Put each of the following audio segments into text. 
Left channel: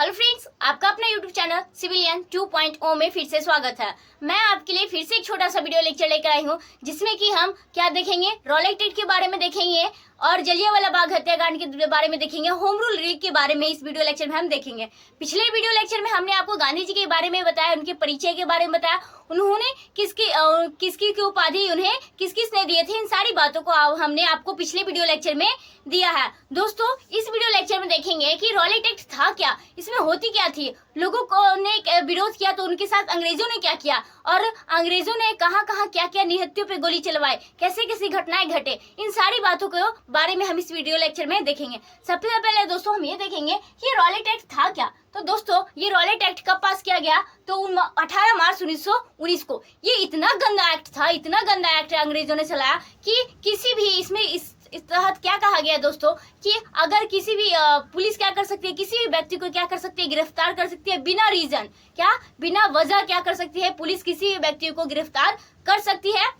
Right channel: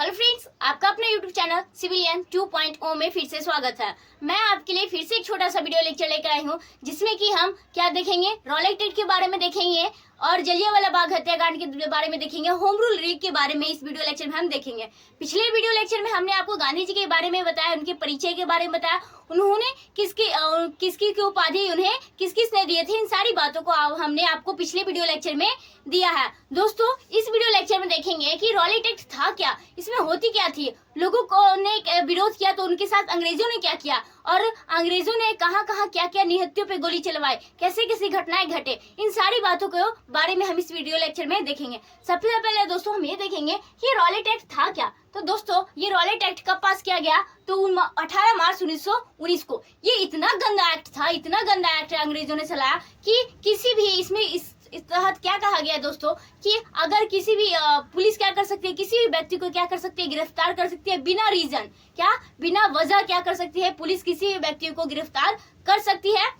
Hello friends, आपका अपना YouTube channel civilian 2.0 में फिर से स्वागत है। मैं आपके लिए फिर से एक छोटा सा वीडियो लेक्चर लेकर आई हूँ, जिसमें कि हम क्या देखेंगे, रॉलेट एक्ट के बारे में देखेंगे और जलियांवाला बाग हत्याकांड के बारे में देखेंगे, होम रूल लीग के बारे में इस वीडियो लेक्चर में हम देखेंगे। पिछले वीडियो लेक्चर में हमने आपको गांधी जी के बारे में बताया, उनके परिचय के बारे में बताया, उन्होंने किसकी उपाधि उन्हें किसने दिए थे, इन सारी बातों को हमने आपको पिछले वीडियो लेक्चर में दिया है। दोस्तों, इस वीडियो लेक्चर में देखेंगे कि रॉलेट एक्ट था क्या, इसमें होती क्या थी, लोगों को ने विरोध किया तो उनके साथ अंग्रेजों ने क्या किया और अंग्रेजों ने कहां कहां क्या क्या निहत्थियों पे गोली चलवाई, कैसे कैसी घटनाएं घटे, इन सारी बातों के बारे में हम इस वीडियो लेक्चर में देखेंगे। सबसे पहले दोस्तों हम ये देखेंगे कि रॉलेट एक्ट था क्या। तो दोस्तों, ये रॉलेट एक्ट कब पास किया गया, तो 18 मार्च 1919 को। ये इतना गंदा एक्ट था, इतना गंदा एक्ट अंग्रेजों ने चलाया कि किसी भी इसमें इस तहत क्या कहा गया दोस्तों कि अगर किसी भी पुलिस क्या कर सकती है, किसी भी व्यक्ति को क्या कर सकती है, गिरफ्तार कर सकती है बिना रीजन, क्या बिना वजह क्या कर सकती है, पुलिस किसी भी व्यक्ति को गिरफ्तार कर सकती है।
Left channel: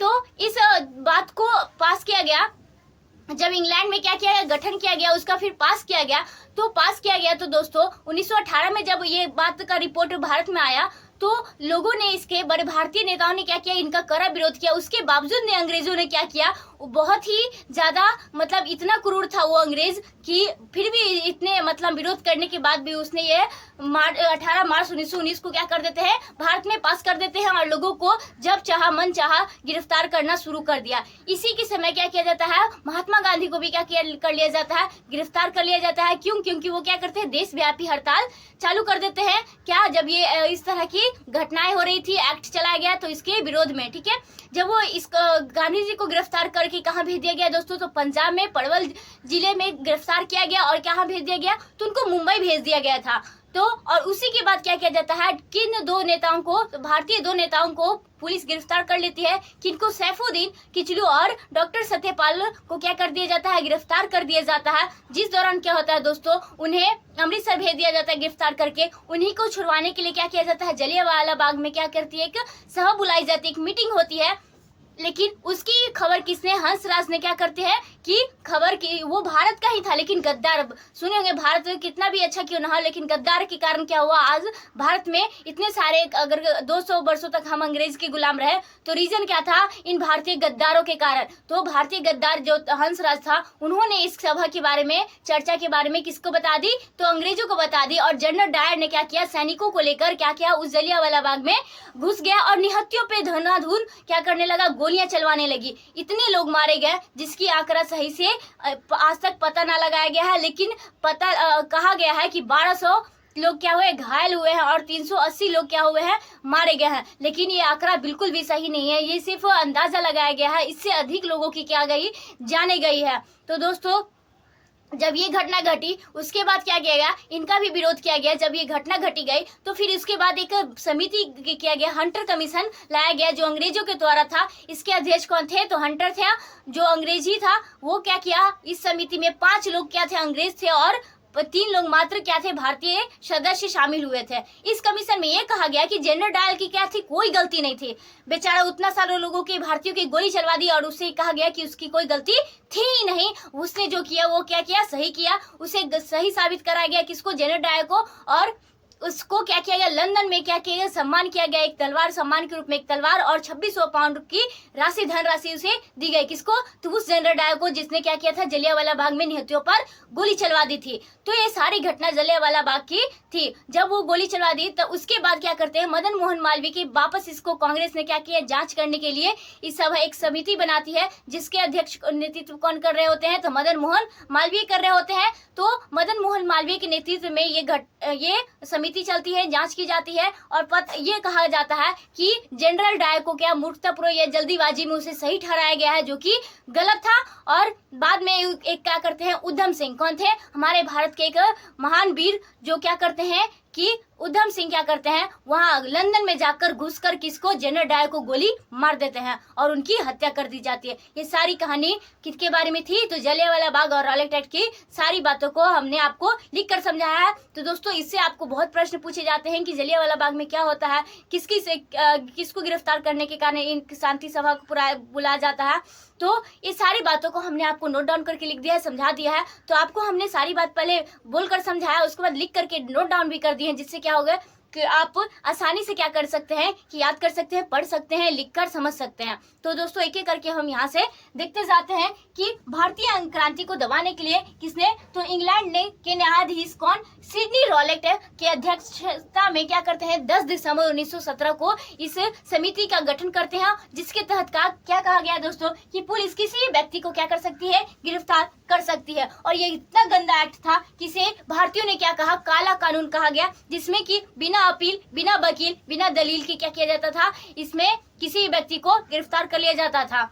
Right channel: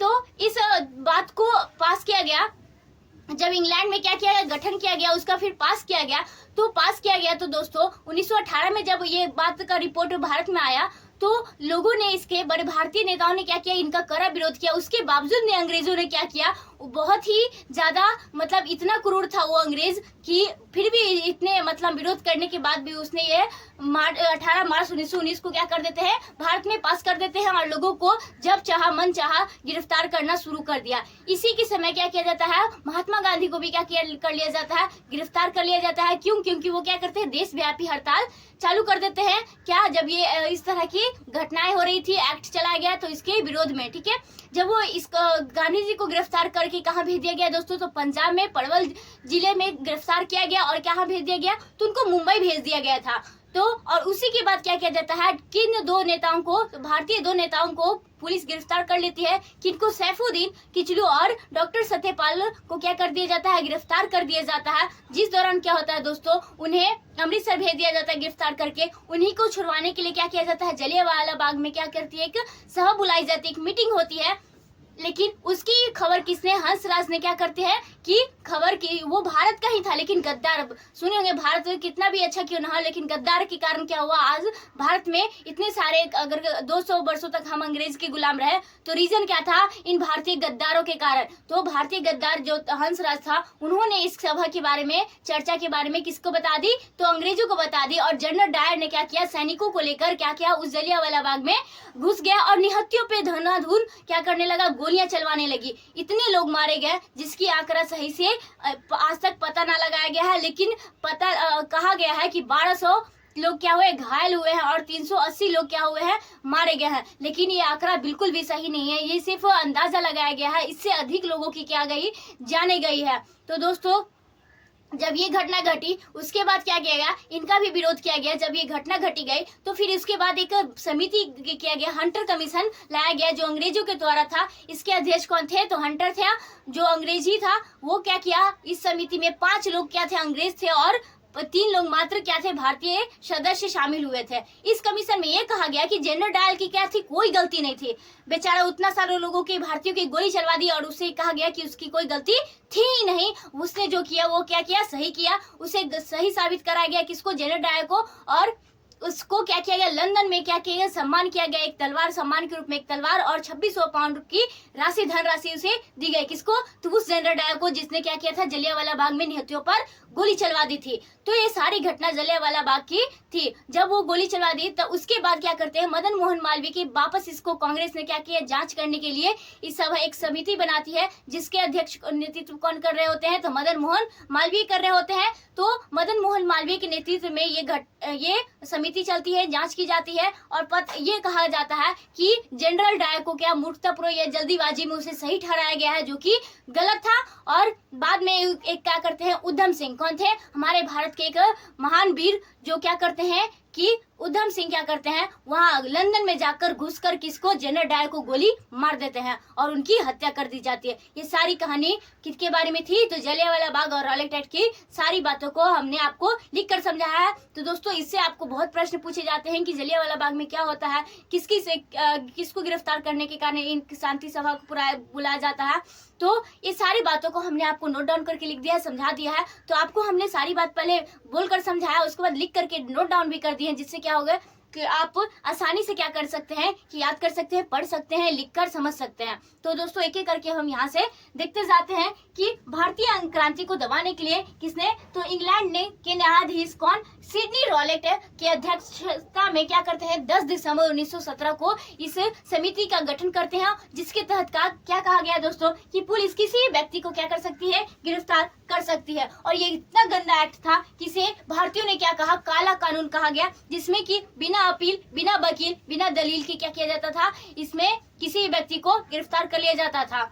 तो इस बात को पास किया गया जब इंग्लैंड में क्या किया गया, गठन किया गया, उसका फिर पास किया गया। तो पास किया गया तो दोस्तों 1918 में जब ये बात का रिपोर्ट भारत में आया तो लोगों ने, इसके बड़े भारतीय नेताओं ने क्या किया, इनका कड़ा विरोध किया। उसके बावजूद ने अंग्रेजों ने क्या किया, बहुत ही ज्यादा मतलब इतना क्रूर था वो अंग्रेज कि फिर भी इतने मतलब विरोध करने के बाद भी उसने ये 18 मार्च 1919 को क्या कर देते हैं, भारत में पास कर देते हैं और लोगों को जब चाहा मन चाहा गिरफ्तार करना शुरू कर दिया। इसी के समय क्या किया जाता है, महात्मा गांधी को भी क्या कर लिया जाता है, गिरफ्तार कर लिया जाता है। क्यों? क्योंकि वो क्या करते हैं, देशव्यापी हड़ताल चालू कर देते हैं। क्या, जब ये इस तरह की घटनाएं हो रही थी, एक्ट चलाया गया तो इसके विरोध में, ठीक है। जब वो इस गांधी जी को गिरफ्तार करके कहाँ भेज दिया गया दोस्तों, तो पंजाब में पलवल जिले में गिरफ्तार किया गया और कहाँ भेज दिया गया, तो उनको मुंबई भेज दिया गया था। तो और उसी के बाद क्या किया जाता है, किन दो नेताओं को, भारतीय दो नेताओं को पुलिस गिरफ्तार कर लेती है, किनको, सैफुद्दीन किचलू और डॉक्टर सत्यपाल को क्या कर दिया जाता है, गिरफ्तार कर दिया जाता है। जिस दौरान क्या होता है दोस्तों, उन्हें अमृतसर भेज दिया जाता है गिरफ्तार करके। उन्हीं को छुड़वाने के लिए क्या किया जाता है, जलियांवाला बाग में क्या करती है, एक सभा बुलाई जाती है, एक मीटिंग होती है। लेकिन उसकी खबर किसने, हंसराज ने क्या करते हैं कि खबर की, वो भारत का ही था लेकिन गद्दार, सुने होंगे भारत कितना भी अच्छा क्यों ना हो, लेकिन गद्दार के कारण क्या हुआ, आज भारत में इतने सारे, अगर 200 वर्षों तक हम अंग्रेज के गुलाम रहे तो रीजन क्या था, इन भारतीय गद्दारों के कारण। तो भारतीय गद्दार जो हंसराज था, उन्होंने इस सभा के बारे में, चर्चा के बारे में किसको बता दी, तो अंग्रेजों को बता दी। और जनरल डायर ने क्या किया, सैनिकों को लेकर क्या किया, उस जलियांवाला बाग में घुस गया और निहत्थियों पे धनाधन क्या करने लगा, गोलियां चलवाने लगी। इतने लोग मारे गए जिसकी आंकड़ा सही से आज तक पता ना लगाया गया है, लेकिन कहा गया है कि 1200 लोग क्या हुए, घायल हुए हैं और 380 लोग क्या हुए हैं, मारे गए हैं। लेकिन ये आंकड़ा बिल्कुल भी सही नहीं है, ये सिर्फ अंदाजा लगाया गया है, इससे अधिक लोगों की क्या गई, जाने गई है। तो दोस्तों, जब ये घटना घटी उसके बाद क्या किया गया, इनका भी विरोध किया गया। जब ये घटना घटी गई तो फिर इसके बाद एक समिति किया गया, हंटर कमीशन लाया गया जो अंग्रेजों के द्वारा था। इसके अध्यक्ष कौन थे, तो हंटर थे जो अंग्रेजी था। वो क्या किया, इस समिति में 5 लोग क्या थे, अंग्रेज थे और 3 लोग मात्र क्या थे, भारतीय सदस्य शामिल हुए थे। इस कमीशन में यह कहा गया कि जनरल डायर की क्या थी, कोई गलती नहीं थी। बेचारा उतना सारे लोगों की, भारतीयों की गोली चलवा दी और उससे कहा गया कि उसकी कोई गलती थी ही नहीं। उसने जो किया वो क्या किया, सही किया। उसे सही साबित कराया गया किसको, जनरल डायर को। और उसको क्या किया गया, लंदन में क्या किया गया, सम्मान किया गया, एक तलवार, सम्मान के रूप में एक तलवार और 2600 पाउंड की राशि, धनराशि उसे दी गई। किसको, तो उस जनरल डायर को जिसने क्या किया था, जलियांवाला बाग में निहत्थियों पर गोली चलवा दी थी। तो ये सारी घटना जलियांवाला बाग की थी। जब वो गोली चलवा दी तो उसके बाद क्या करते हैं, मदन मोहन मालवीय की वापस इसको कांग्रेस ने क्या किया, जांच करने के लिए इस सभा एक समिति बनाती है, जिसके अध्यक्ष नेतृत्व कौन कर रहे होते हैं, तो मदन मोहन मालवीय कर रहे होते हैं। तो मदन मोहन मालवीय के नेतृत्व में ये समिति चलती है, जांच की जाती है और ये कहा जाता है कि जनरल डायर को क्या मूर्खतापूर्वक या जल्दीबाजी में उसे सही ठहराया गया है, जो कि गलत था। और बाद में एक क्या करते हैं, उधम सिंह, कौन थे, हमारे भारत के एक महान वीर, जो क्या करते हैं कि उधम सिंह क्या करते हैं, वहां लंदन में जाकर घुसकर किसको, जनरल डायर को गोली मार देते हैं और उनकी हत्या कर दी जाती है। ये सारी कहानी किसके बारे में थी, तो जलियांवाला बाग और रॉलेट एक्ट की सारी बातों को हमने आपको लिख कर समझाया है। तो दोस्तों इससे आपको बहुत प्रश्न पूछे जाते हैं कि जलियांवाला बाग में क्या होता है, किसको गिरफ्तार करने के कारण इन शांति सभा को बुलाया जाता है। तो ये सारी बातों को हमने आपको नोट डाउन करके लिख दिया है, समझा दिया है। तो आपको हमने सारी बात पहले बोलकर समझाया, उसके बाद लिख करके नोट डाउन भी कर दिए हैं, जिससे क्या होगा कि आप आसानी से क्या कर सकते हैं कि याद कर सकते हैं, पढ़ सकते हैं, लिखकर समझ सकते हैं। तो दोस्तों एक एक करके हम यहाँ से देखते जाते हैं कि भारतीय क्रांति को दबाने के लिए किसने, तो इंग्लैंड ने के न्यायाधीश कौन, सिडनी रॉलेट की अध्यक्षता में क्या करते हैं 10 दिसंबर 1917 को इस समिति का गठन करते हैं, जिसके तहत क्या कहा गया दोस्तों कि पुलिस किसी व्यक्ति को क्या कर सकती है, गिरफ्तार कर सकती है। और ये इतना गंदा एक्ट था कि इसे भारतीयों ने क्या कहा, काला कानून कहा गया, जिसमें कि बिना अपील, बिना वकील, बिना दलील के क्या किया जाता था, इसमें किसी व्यक्ति को गिरफ्तार कर लिया जाता था।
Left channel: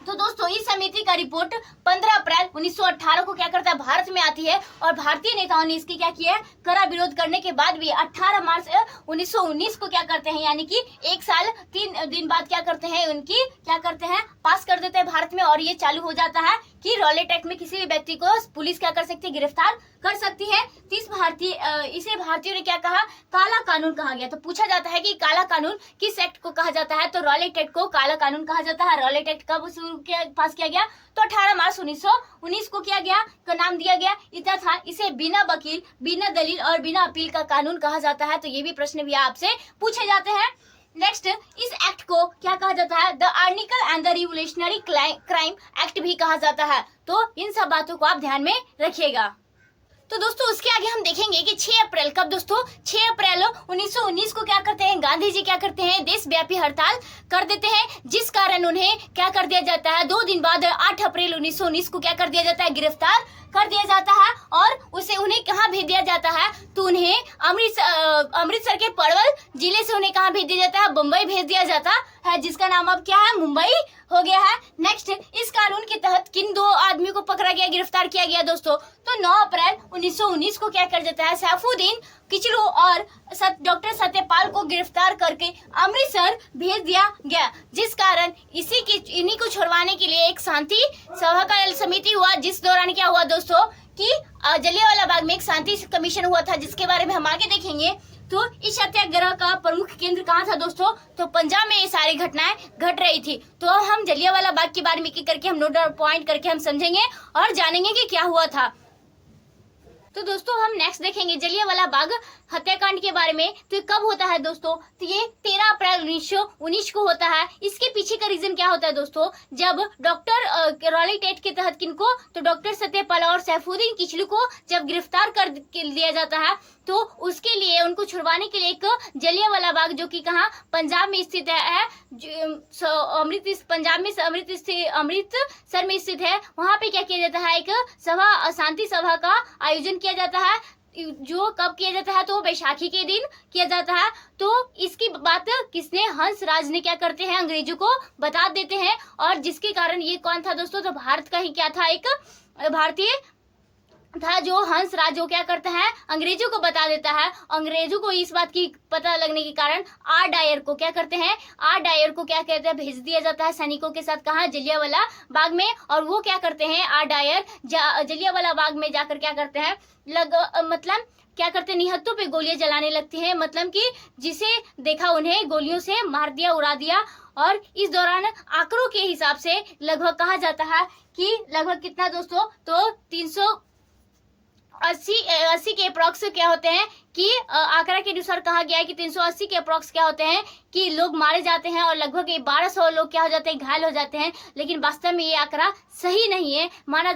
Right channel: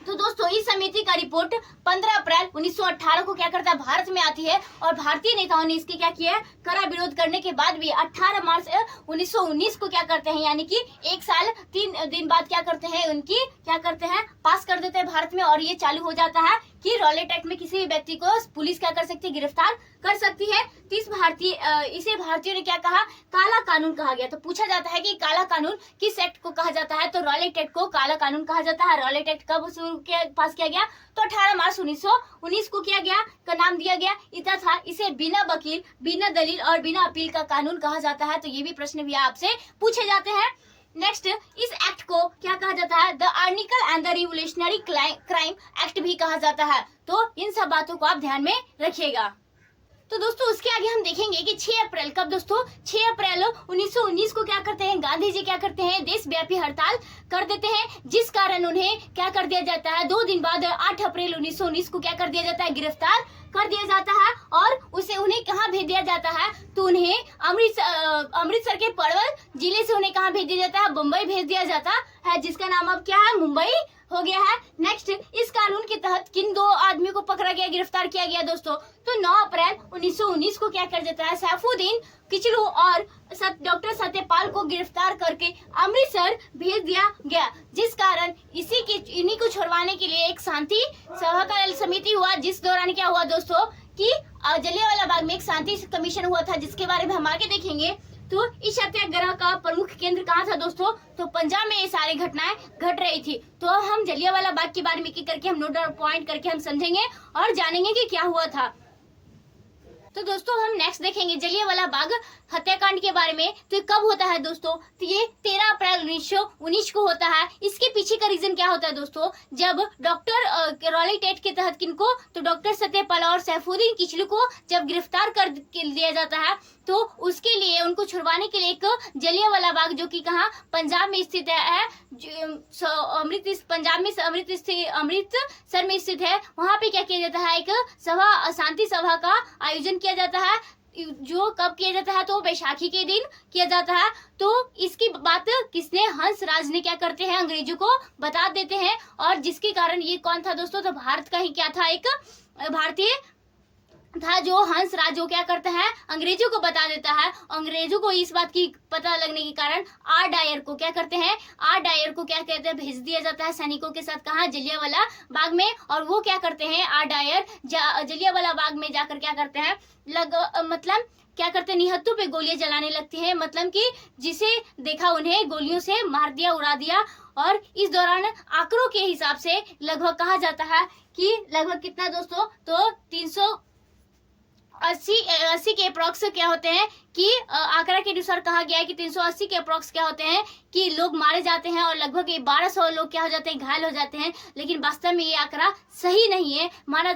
तो दोस्तों इस समिति का रिपोर्ट 15 अप्रैल 1918 को क्या करता है, भारत में आती है और भारतीय नेताओं ने इसकी क्या किया है, कड़ा विरोध करने के बाद भी 18 मार्च 1919 को क्या करते हैं, यानी कि 1 साल 3 दिन बाद क्या करते हैं, उनकी क्या करते हैं, पास कर देते हैं भारत में। और ये चालू हो जाता है कि रॉलेट एक्ट में किसी भी व्यक्ति को पुलिस क्या कर सकती है, गिरफ्तार कर सकती है। इसे भारतीयों ने क्या कहा, काला कानून कहा गया। तो पूछा जाता है कि काला कानून किस एक्ट को कहा जाता है, तो रॉलेट एक्ट को काला कानून कहा जाता है। रॉलेट एक्ट कब पास किया गया, तो 18 मार्च 1919 को किया गया, का नाम दिया गया इतना था। इसे बिना वकील, बिना दलील और बिना अपील का कानून कहा जाता है। तो ये भी प्रश्न भी आपसे पूछे जाते हैं। नेक्स्ट, इस एक्ट को क्या कहा जाता है, the article and the revolutionary crime act भी कहा जाता है। तो इन सब बातों को आप ध्यान में रखिएगा। तो दोस्तों उसके आगे हम देखेंगे कि 6 अप्रैल कब दोस्तों, 6 अप्रैल 1919 को क्या करते हैं, गांधी जी क्या करते हैं, देशव्यापी हड़ताल कर देते हैं, जिस कारण उन्हें क्या कर दिया जाता है, 2 दिन बाद 8 अप्रैल 1919 को क्या कर दिया जाता है, गिरफ्तार कर दिया जाता है। और उन्हें कहाँ भेज दिया जाता है, तो उन्हें अमृतसर के पलवल जिले से उन्हें कहाँ भेज दिया जाता है, मुंबई भेज दिया जाता है, जिसका नाम अब क्या है, मुंबई हो गया है। नेक्स्ट, इस कानून के तहत किन 2 आदमी को पकड़ा गया, गिरफ्तार किया गया दोस्तों, तो 9 अप्रैल 1919 को क्या कर देता है, सैफुद्दीन किचलू और डॉक्टर सत्यपाल को गिरफ्तार करके अमृतसर भेज दिया गया, जिस कारण इन्हीं को छुड़वाने के लिए एक शांति सभा का समिति हुआ, जिस दौरान क्या हुआ दोस्तों कि जलियांवाला बाग में एक शांति कमीशन हुआ था, जिसके बारे में हम आगे देखेंगे। तो इस सत्याग्रह का प्रमुख केंद्र कहाँ था दोस्तों, तो पंजाब में ये सारी घटनाएं घट रही थी। तो हम जलियांवाला बाग के बारे में एक करके हम नोट पॉइंट करके हम समझेंगे और जानेंगे कि क्या हुआ था। तो दोस्तों हम नेक्स्ट देखेंगे जलियांवाला बाग हत्याकांड के बारे में। तो कब होता है दोस्तों, तो ये 13 अप्रैल 1919 को होता है। इसके पीछे का रीजन क्या होता है दोस्तों, जब डॉक्टर रॉलेट एक्ट के तहत किनको, तो डॉक्टर सत्यपाल और सैफुद्दीन किचलू को जब गिरफ्तार कर लिया जाता है, तो उसके लिए उनको छुड़वाने के लिए एक जलियांवाला बाग जो कि कहाँ, पंजाब में स्थित है, पंजाब में अमृतसर में स्थित है, वहाँ पे क्या किया जाता है, एक सभा, शांति सभा का आयोजन किया जाता है। जो कब किया जाता है, तो बैसाखी के दिन किया जाता है। तो इसकी बात किसने, हंस राज ने क्या करते हैं, अंग्रेजों को बता देते हैं। और जिसके कारण ये कौन था दोस्तों, तो भारत का ही क्या था, एक भारतीय था, जो हंस राज जो क्या करता है, अंग्रेजों को बता देता है। अंग्रेजों को इस बात की पता लगने के कारण आर डायर को क्या करते हैं, आर डायर को क्या कहते हैं, भेज दिया जाता है सैनिकों के साथ, कहाँ, जलियांवाला बाग में। और वो क्या करते हैं, आर डायर जलियांवाला बाग में जाकर क्या करते हैं, मतलब क्या करते हैं, निहत्तों पे गोलियां जलाने लगती हैं, मतलब कि जिसे देखा उन्हें गोलियों से मार दिया, उड़ा दिया। और इस दौरान आंकड़ों के हिसाब से लगभग कहा जाता है कि लगभग कितना दोस्तों, तो 380 के अप्रॉक्स क्या होते हैं कि आंकड़ा के अनुसार कहा गया है कि 380 के अप्रॉक्स क्या होते हैं कि लोग मारे जाते हैं, और लगभग 1200 लोग क्या हो जाते हैं, घायल हो जाते हैं। लेकिन वास्तव में ये आंकड़ा सही नहीं है,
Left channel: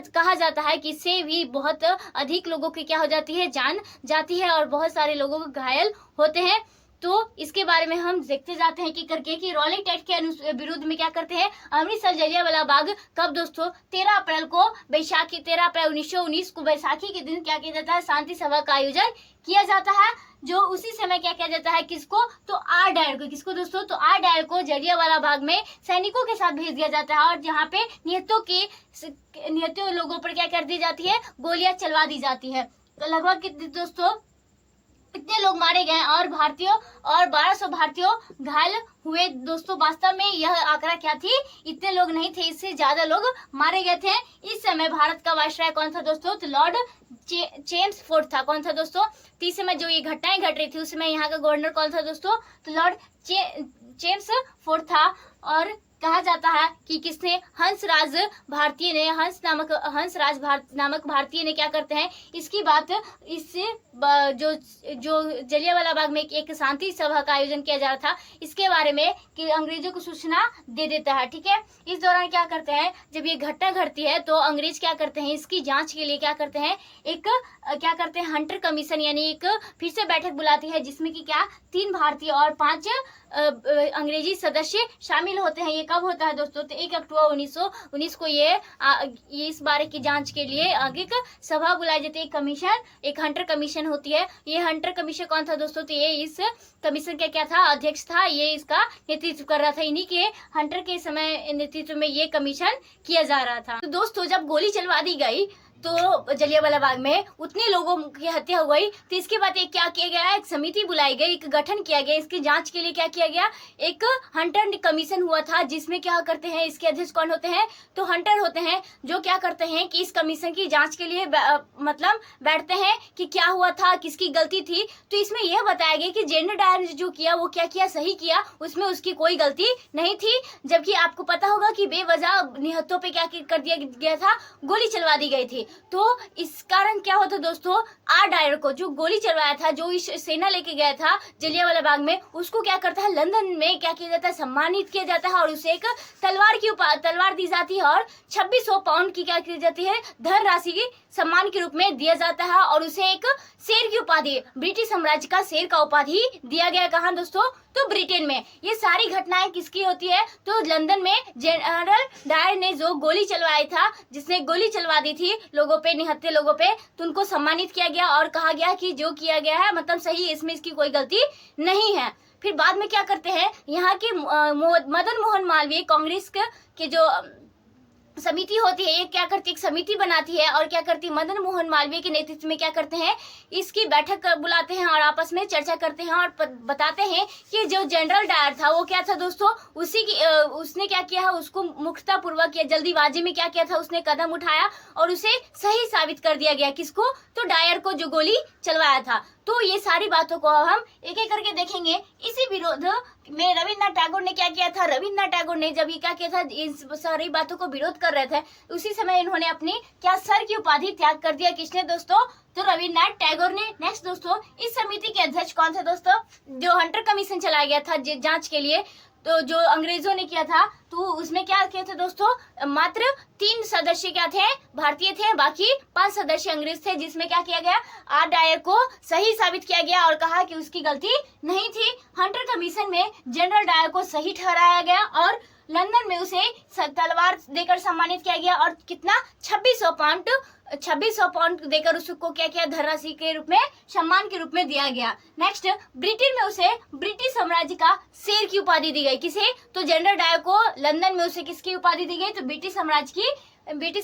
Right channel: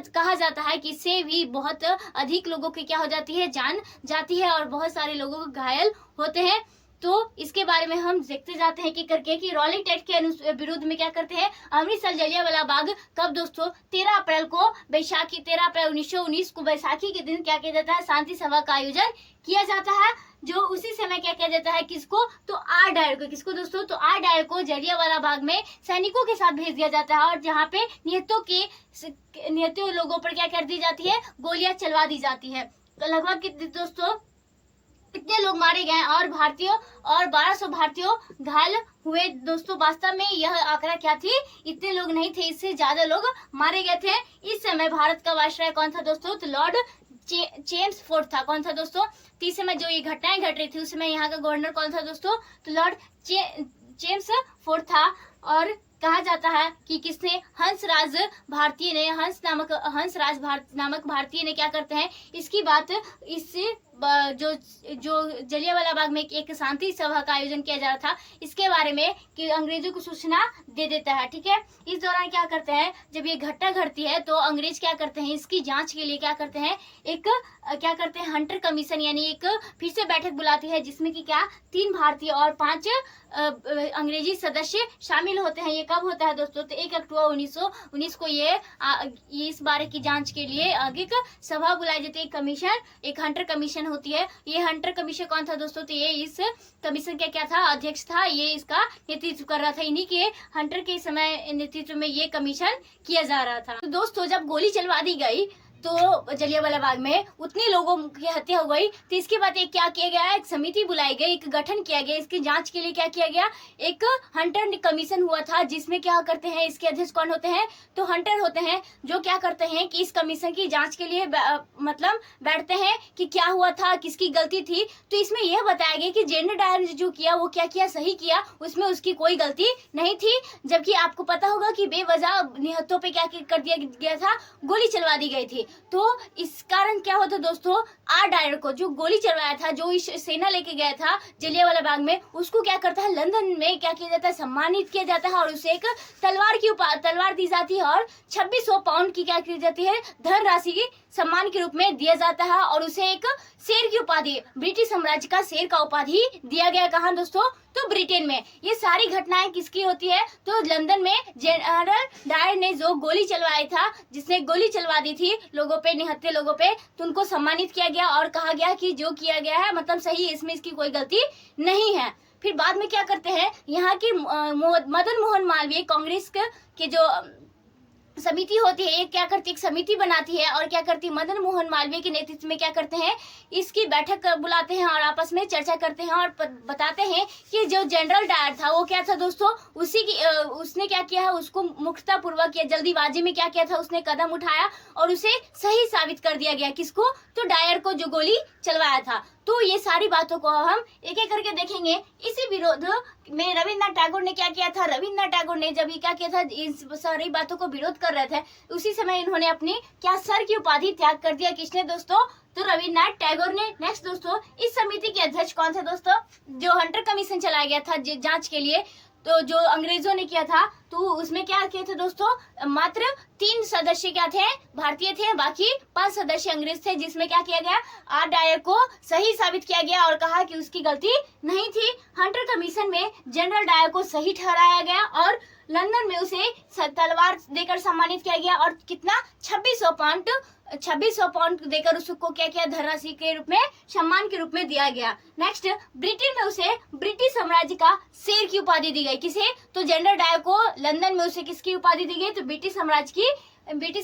कहा जाता है कि इससे भी बहुत अधिक लोगों की क्या हो जाती है, जान जाती है, और बहुत सारे लोगों को घायल होते हैं। तो इसके बारे में हम देखते जाते हैं कि रॉलेट एक्ट के विरुद्ध में क्या करते हैं, अमृतसर जलियांवाला बाग कब दोस्तों, 13 अप्रैल 1919 को बैसाखी के दिन क्या किया जाता है, शांति सभा का आयोजन किया जाता है। जो उसी समय क्या किया जाता है, किसको, तो आर डायर को, किसको दोस्तों, तो आर डायर को जलियांवाला बाग में सैनिकों के साथ भेज दिया जाता है, और जहाँ पे निहत्तों लोगों पर क्या कर दी जाती है, गोलियां चलवा दी जाती है। तो लगभग कितने दोस्तों, इतने लोग मारे गए और भारतीयों और 1200 भारतीयों घायल हुए। दोस्तों वास्तव में यह आंकड़ा क्या थी, इतने लोग नहीं थे, इससे ज्यादा लोग मारे गए थे। इस समय भारत का वायसराय कौन था दोस्तों, तो लॉर्ड चेम्सफोर्ड था। कौन था दोस्तों, तो इस समय जो ये घटनाएं घट रही थी उस समय यहाँ का गवर्नर कौन था दोस्तों, तो लॉर्ड चेम्सफोर्ड था। और कहा जाता है कि किसने, हंसराज भारतीय ने, हंसराज नामक भारतीय ने क्या करते हैं, इसकी बात इससे जो जलियांवाला बाग में एक शांति सभा का आयोजन किया जा रहा था, इसके बारे में कि अंग्रेजों को सूचना दे देता है। ठीक है, इस दौरान क्या करते हैं, जब ये घटना घटती है तो अंग्रेज क्या करते हैं, इसकी जांच के लिए क्या करते हैं, एक क्या करते हैं, हंटर कमीशन यानी एक फिर से बैठक बुलाती है, जिसमें कि क्या 3 भारतीय और 5 अंग्रेजी सदस्य शामिल होते हैं। ये कब होता है दोस्तों, तो 1 अक्टूबर 1919 को ये इस बारे की जांच के लिए एक सभा बुलाई जाती है, कमीशन, एक हंटर कमीशन होती है। ये हंटर कमीशन कौन था दोस्तों, तो ये इस कमीशन का क्या था, अध्यक्ष था, ये इसका नेतृत्व कर रहा था। इन्हीं के हंटर के समय नेतृत्व में ये कमीशन किया जा रहा था। तो दोस्तों जब गोली चलवा दी गई तो जलियांवाला बाग में उतने लोगों की हत्या हो गई, तो इसके बाद एक क्या किया गया, एक समिति बुलाई गई, एक गठन किया गया, इसकी जांच के लिए क्या किया गया, एक हंटर कमीशन हुआ था, जिसमें क्या करते हैं, इसके अध्यक्ष कौन होते हैं, तो हंटर होते हैं, जो क्या करते हैं कि इस कमीशन की जांच के लिए मतलब बैठते हैं कि क्या हुआ था, किसकी गलती थी। तो इसमें यह बताया गया कि जनरल डायर ने जो किया वो क्या किया, सही किया, उसमें उसकी कोई गलती नहीं थी। जबकि आपको पता होगा कि बेवजह निहत्थों पे क्या कर दिया गया था, गोली चलवा दी गई थी। तो इस कारण क्या होता दोस्तों, आर डायर को जो गोली चलवाया था, जो इस सेना लेके गया था जलियांवाला बाग में, उसको क्या करता है, लंदन में क्या किया जाता है, सम्मानित किया जाता है और उसे एक तलवार दी जाती है और 2600 पाउंड की क्या की जाती है, धनराशि की सम्मान के रूप में दिया जाता है और उसे एक शेर की उपाधि, ब्रिटिश साम्राज्य का शेर का उपाधि दिया गया। कहाँ दोस्तों, तो ब्रिटेन में। ये सारी घटनाएं किसकी होती है, तो लंदन में जनरल डायर ने जो गोली चलवाया था, जिसने गोली चलवा दी थी लोगों पे, निहत्थे लोगों पे, तो उनको सम्मानित किया गया और कहा गया कि जो किया गया है मतलब सही है, इसमें इसकी कोई गलती नहीं है। फिर बाद में क्या करते हैं, यहाँ की मदन मोहन मालवीय कांग्रेस के जो समिति होती है, ये क्या करती है, एक समिति बनाती है और क्या करती है, मदन मोहन मालवीय के नेतृत्व में क्या करते हैं, इसकी बैठक बुलाते हैं और आपस में चर्चा करते हैं और बताते हैं कि जो जनरल डायर था वो क्या था दोस्तों, उसने क्या किया है, उसको मुख्यता पूर्वक किया, जल्दीबाजी में क्या किया था, उसने कदम उठाया और उसे सही साबित कर दिया गया। किसको, तो डायर को जो गोली चलवाया था। तो ये सारी बातों को हम एक एक करके देखेंगे। इसी विरोध में रविन्द्रनाथ टैगोर ने क्या किया था, रविन्द्रनाथ टैगोर ने जब ये क्या किया था, इन सारी बातों को विरोध कर रहे थे, उसी समय इन्होंने अपनी क्या सर की उपाधि त्याग कर दिया। किसने दोस्तों, तो रविन्द्रनाथ टैगोर ने। नेक्स्ट दोस्तों, इस समिति के अध्यक्ष कौन थे दोस्तों, जो हंटर कमीशन चलाया गया था जांच के लिए, तो जो अंग्रेजों ने किया था, तो उसमें क्या किए थे दोस्तों, मात्र 3 सदस्य क्या थे, भारतीय थे, बाकी 5 सदस्य अंग्रेज थे, जिसमें क्या किया गया, आर डायर को सही साबित किया गया और कहा कि उसकी गलती नहीं थी। हंटर कमीशन में जनरल डायर को सही ठहराया गया और लंदन में उसे तलवार देकर सम्मानित किया गया और कितना 2600 पाउंड देकर उसको क्या किया, धनराशि के रूप में, सम्मान के रूप में दिया गया। नेक्स्ट, ब्रिटेन में उसे ब्रिटिश साम्राज्य का शेर की उपाधि दी गई। किसे, तो जनरल डायर को लंदन में उसे किसकी उपाधि दी गई, तो ब्रिटिश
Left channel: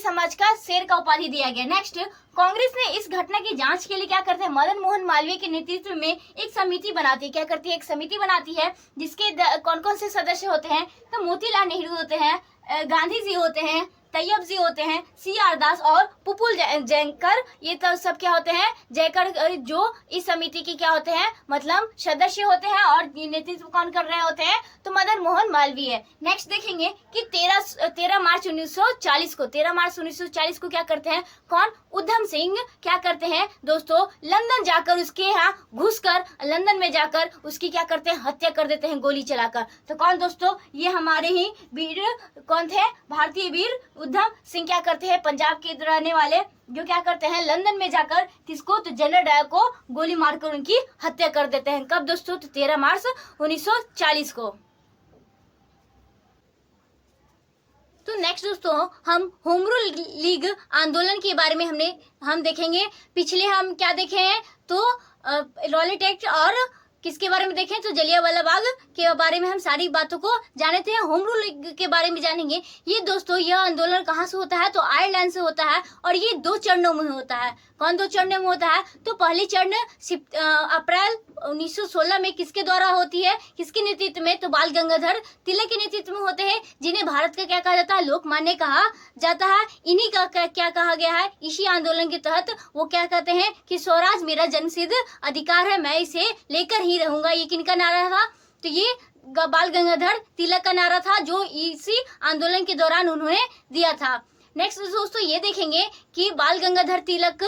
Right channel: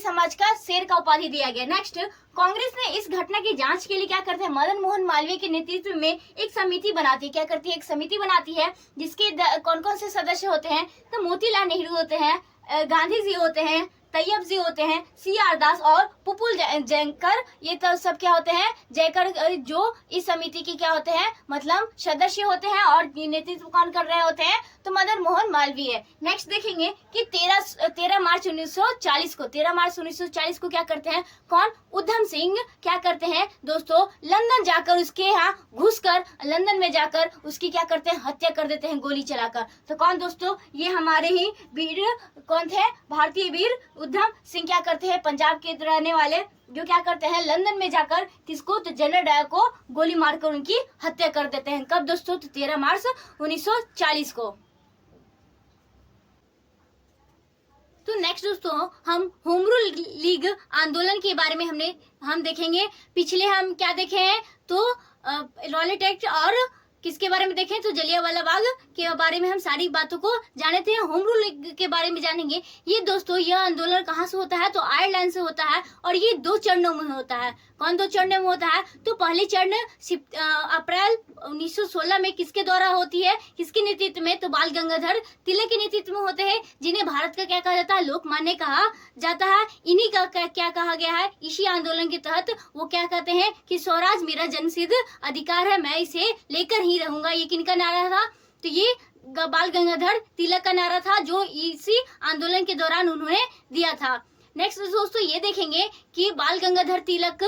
साम्राज्य का शेर का उपाधि दिया गया। नेक्स्ट, कांग्रेस ने इस घटना की जांच के लिए क्या करते हैं, मदन मोहन मालवीय के नेतृत्व में एक समिति बनाती है। क्या करती है, एक समिति बनाती है, जिसके कौन कौन से सदस्य होते हैं, तो मोतीलाल नेहरू होते हैं, गांधी जी होते हैं, तैयब जी होते हैं, CR दास और पुपुल जयकर, ये तो सब क्या होते हैं, जयकर, जो इस समिति के क्या होते हैं, मतलब सदस्य होते हैं और नेतृत्व कौन कर रहे होते हैं, तो मदन मोहन मालवीय। नेक्स्ट देखेंगे कि 13 मार्च 1940 को क्या करते हैं, कौन, उधम सिंह क्या करते हैं दोस्तों, लंदन जाकर उसके यहाँ घुसकर लंदन में जाकर उसकी क्या करते हैं, हत्या कर देते हैं गोली चलाकर। तो कौन दोस्तों, ये हमारे ही वीर कौन थे, भारतीय वीर उधम सिंह क्या करते हैं, पंजाब के रहने वाले, जो क्या करते हैं, लंदन में जाकर किसको, तो जनरल डायर को गोली मारकर उनकी हत्या कर देते हैं। कब दोस्तों, तो 13 मार्च 1940 को। तो नेक्स्ट दोस्तों, हम होम रूल लीग आंदोलन के बारे में हम देखेंगे। पिछले हम क्या देखे हैं, तो रॉलेट एक्ट और किसके बारे में देखें, तो जलियांवाला बाग के बारे में हम सारी बातों को जाने थे। होम रूल लीग के बारे में जानेंगे। ये दोस्तों, यह आंदोलन कहाँ से होता है, तो आयरलैंड से होता है और ये 2 चरणों में होता है। कौन दो चरणों में होता है? तो पहली चरण अप्रैल 1916 में किसके द्वारा होती है, किसके नेतृत्व में? तो बाल गंगाधर तिलक के नेतृत्व में होते हैं, जिन्हें भारत का क्या कहा जाता है? लोकमान्य कहा जाता है। इन्हीं का क्या कहा गया है? इसी आंदोलन के तहत वो क्या कहते हैं कि स्वराज मेरा जन्मसिद्ध अधिकार है, मैं इसे लेकर ही रहूंगा। ये किनका नारा था? तो ये बाल गंगाधर तिलक का नारा था, जो इसी आंदोलन के दौरान उन्होंने दिया था। नेक्स्ट दोस्तों ये देखेंगे कि बाल गंगाधर तिलक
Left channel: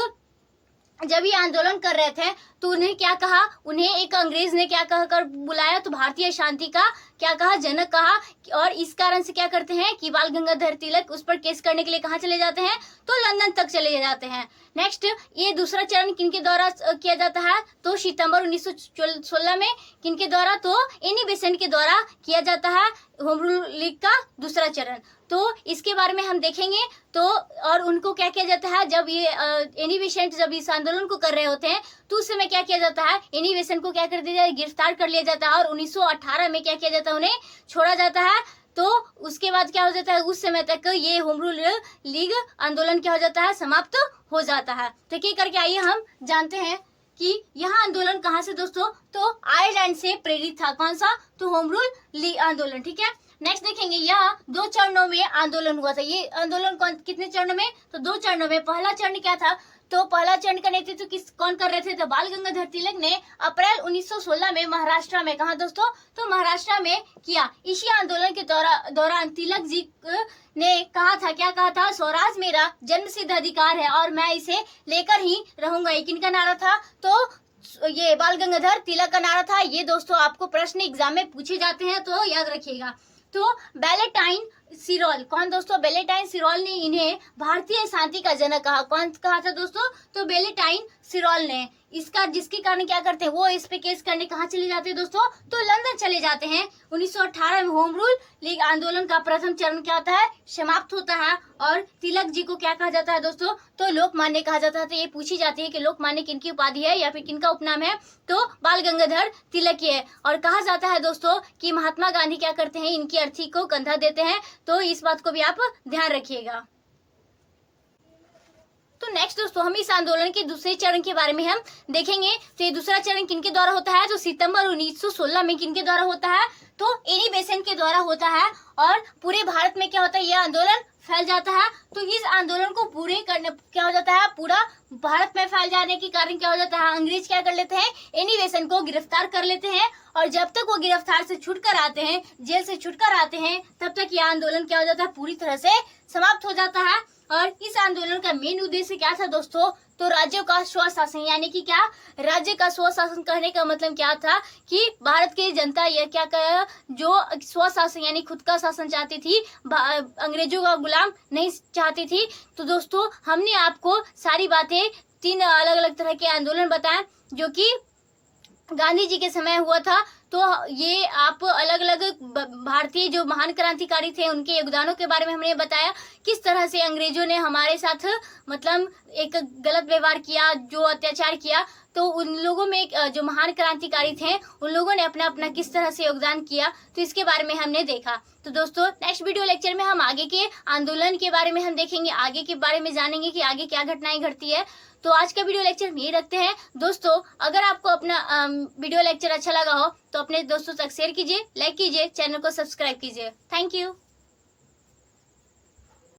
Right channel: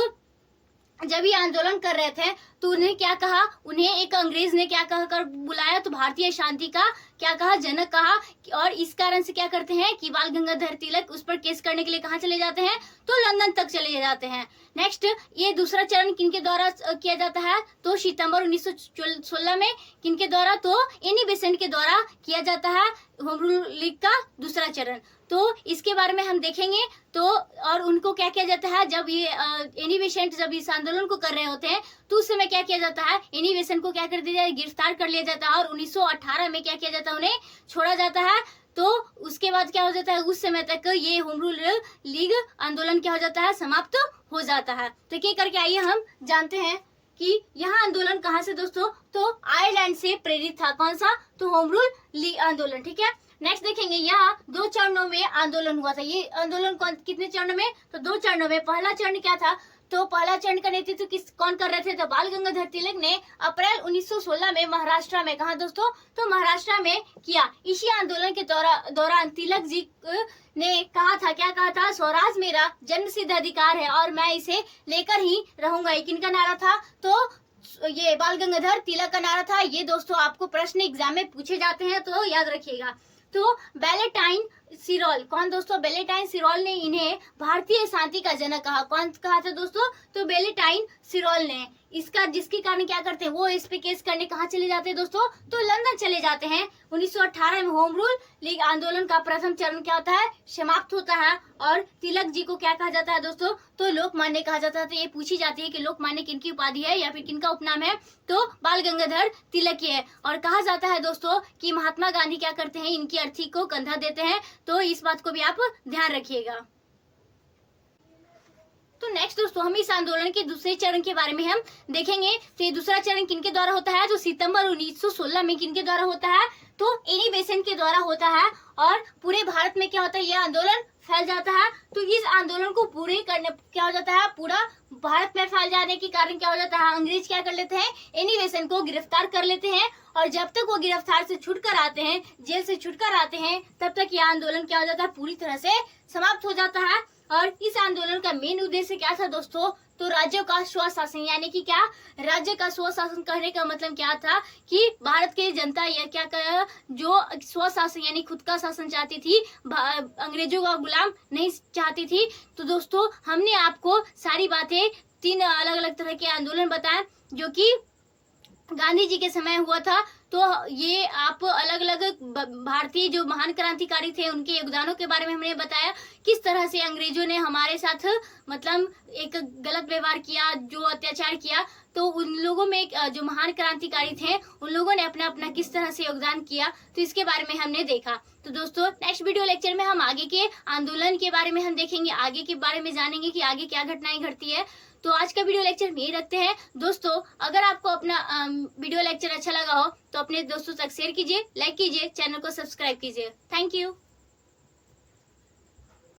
जब ये आंदोलन कर रहे थे तो उन्हें क्या कहा? उन्हें एक अंग्रेज ने क्या कहकर बुलाया? तो भारतीय शांति का क्या कहा? जनक कहा। और इस कारण से क्या करते हैं कि बाल गंगाधर तिलक उस पर केस करने के लिए कहाँ चले जाते हैं? तो लंदन तक चले जाते हैं। नेक्स्ट ये दूसरा चरण किनके द्वारा किया जाता है? तो सितंबर 1916 में किनके द्वारा? तो एनी बेसेंट के द्वारा किया जाता है होम रूल लीग का दूसरा चरण। तो इसके बारे में हम देखेंगे। तो और उनको क्या किया जाता है? जब ये एनी बेसेंट जब इस आंदोलन को कर रहे होते हैं तो उस समय क्या किया जाता है? एनी बेसेंट को क्या कर दिया जाए? गिरफ्तार कर लिया जाता है और 1918 में क्या किया जाता है? उन्हें छोड़ा जाता है। तो उसके बाद क्या हो जाता है? उस समय तक ये होम रूल लीग आंदोलन क्या हो जाता है? समाप्त हो जाता है। तो क्या करके आइए हम जानते हैं कि यह आंदोलन कहाँ से दोस्तों? तो आयरलैंड से प्रेरित था। कौन सा? तो होम रूल लीग आंदोलन। ठीक है, नेक्स्ट देखेंगे यह 2 चरणों में आंदोलन हुआ था। ये आंदोलन कितने चरणों में? तो 2 चरणों में। पहला चरण क्या था? तो पहला चरण का नेतृत्व कौन कर रहे थे? तो बाल गंगाधर तिलक ने अप्रैल 1916 में महाराष्ट्र में, कहा दोस्तों? तो महाराष्ट्र में किया। इसी आंदोलन के दौरान तिलक जी ने कहा था, क्या कहा था? स्वराज मेरा जन्मसिद्ध अधिकार है और मैं इसे लेकर ही रहूंगा। ये किनका नारा था? तो ये बाल गंगाधर तिलक का नारा था। ये दोस्तों आपको प्रश्न एग्जाम में पूछे जाते हैं, तो याद रखिएगा। तो वैलेंटाइन सिरोल, कौन दोस्तों? वैलेंटाइन सिरोल ने इन्हें भारतीय शांति का जनक कहा। कौन कहा था दोस्तों? तो वैलेंटाइन सिरोल ने। इसका जिसके कारण क्या करते हैं? वो इस पे केस करने कहाँ चले जाते हैं दोस्तों? तो लंदन चले जाते हैं। 1918 में होम रूल लीग आंदोलन का प्रथम चरण क्या होता है? समाप्त होता है। और तिलक जी को क्या कहा जाता है दोस्तों? तो लोकमान्य कहा जाता है। तो ये पूछी जाती है कि लोकमान्य किनकी उपाधि है या फिर किनका उपनाम है? तो बाल गंगाधर तिलक की है। और कहा जाता है दोस्तों कि महात्मा गांधी क्या करते हैं? इनकी अर्थी को कंधा देते हैं। तो इस बात को भी आप ध्यान रखिएगा। तो नेक्स्ट दोस्तों हम इस आंदोलन के दूसरे चरण के बारे में हम देखेंगे। तो ये दूसरा चरण किनके द्वारा होता है? तो सितंबर 1916 में किनके द्वारा होता है? तो एनी बेसेंट के द्वारा होता है। और पूरे भारत में क्या होता है? यह आंदोलन फैल जाता है। तो इस आंदोलन को पूरे करने क्या हो जाता है? पूरा भारत में फैल जाने के कारण क्या हो जाता है? अंग्रेज क्या कर लेते हैं? एनी बेसेंट को गिरफ्तार कर लेते हैं। और जब तक वो गिरफ्तार से छूटकर आते हैं, जेल से छूटकर आते हैं, तब तक यह आंदोलन क्या हो जाता है? पूरी तरह से समाप्त हो जाता है। और इस आंदोलन का मेन उद्देश्य क्या था दोस्तों? तो राज्यों का स्वशासन, यानी कि क्या? राज्य का स्वशासन कहने का मतलब क्या था कि भारत की जनता यह क्या कर जो स्वशासन यानी खुद का शासन चाहती थी, अंग्रेजों का गुलाम नहीं चाहती थी। तो दोस्तों हमने आपको सारी बातें 3 अलग अलग तरह के आंदोलन बताए जो कि गांधी जी के समय हुआ था। तो ये आप अलग अलग भारतीय जो महान क्रांतिकारी थे उनके योगदानों के बारे में हमने बताया, किस तरह से अंग्रेजों ने हमारे साथ मतलब एक गलत व्यवहार किया, जो अत्याचार किया। तो उन लोगों में जो महान क्रांतिकारी थे उन लोगों ने अपना अपना किस तरह से योगदान किया, तो इसके बारे में हमने देखा। तो दोस्तों नेक्स्ट वीडियो लेक्चर में हम आगे के आंदोलन के बारे में हम देखेंगे, आगे के बारे में जानेंगे कि आगे क्या घटनाएं घटती है। तो आज का वीडियो लेक्चर यही रखते हैं दोस्तों। अगर आपको अपना वीडियो लेक्चर अच्छा लगा हो तो अपने दोस्तों तक शेयर कीजिए, लाइक कीजिए, चैनल को सब्सक्राइब कीजिए। Thank you.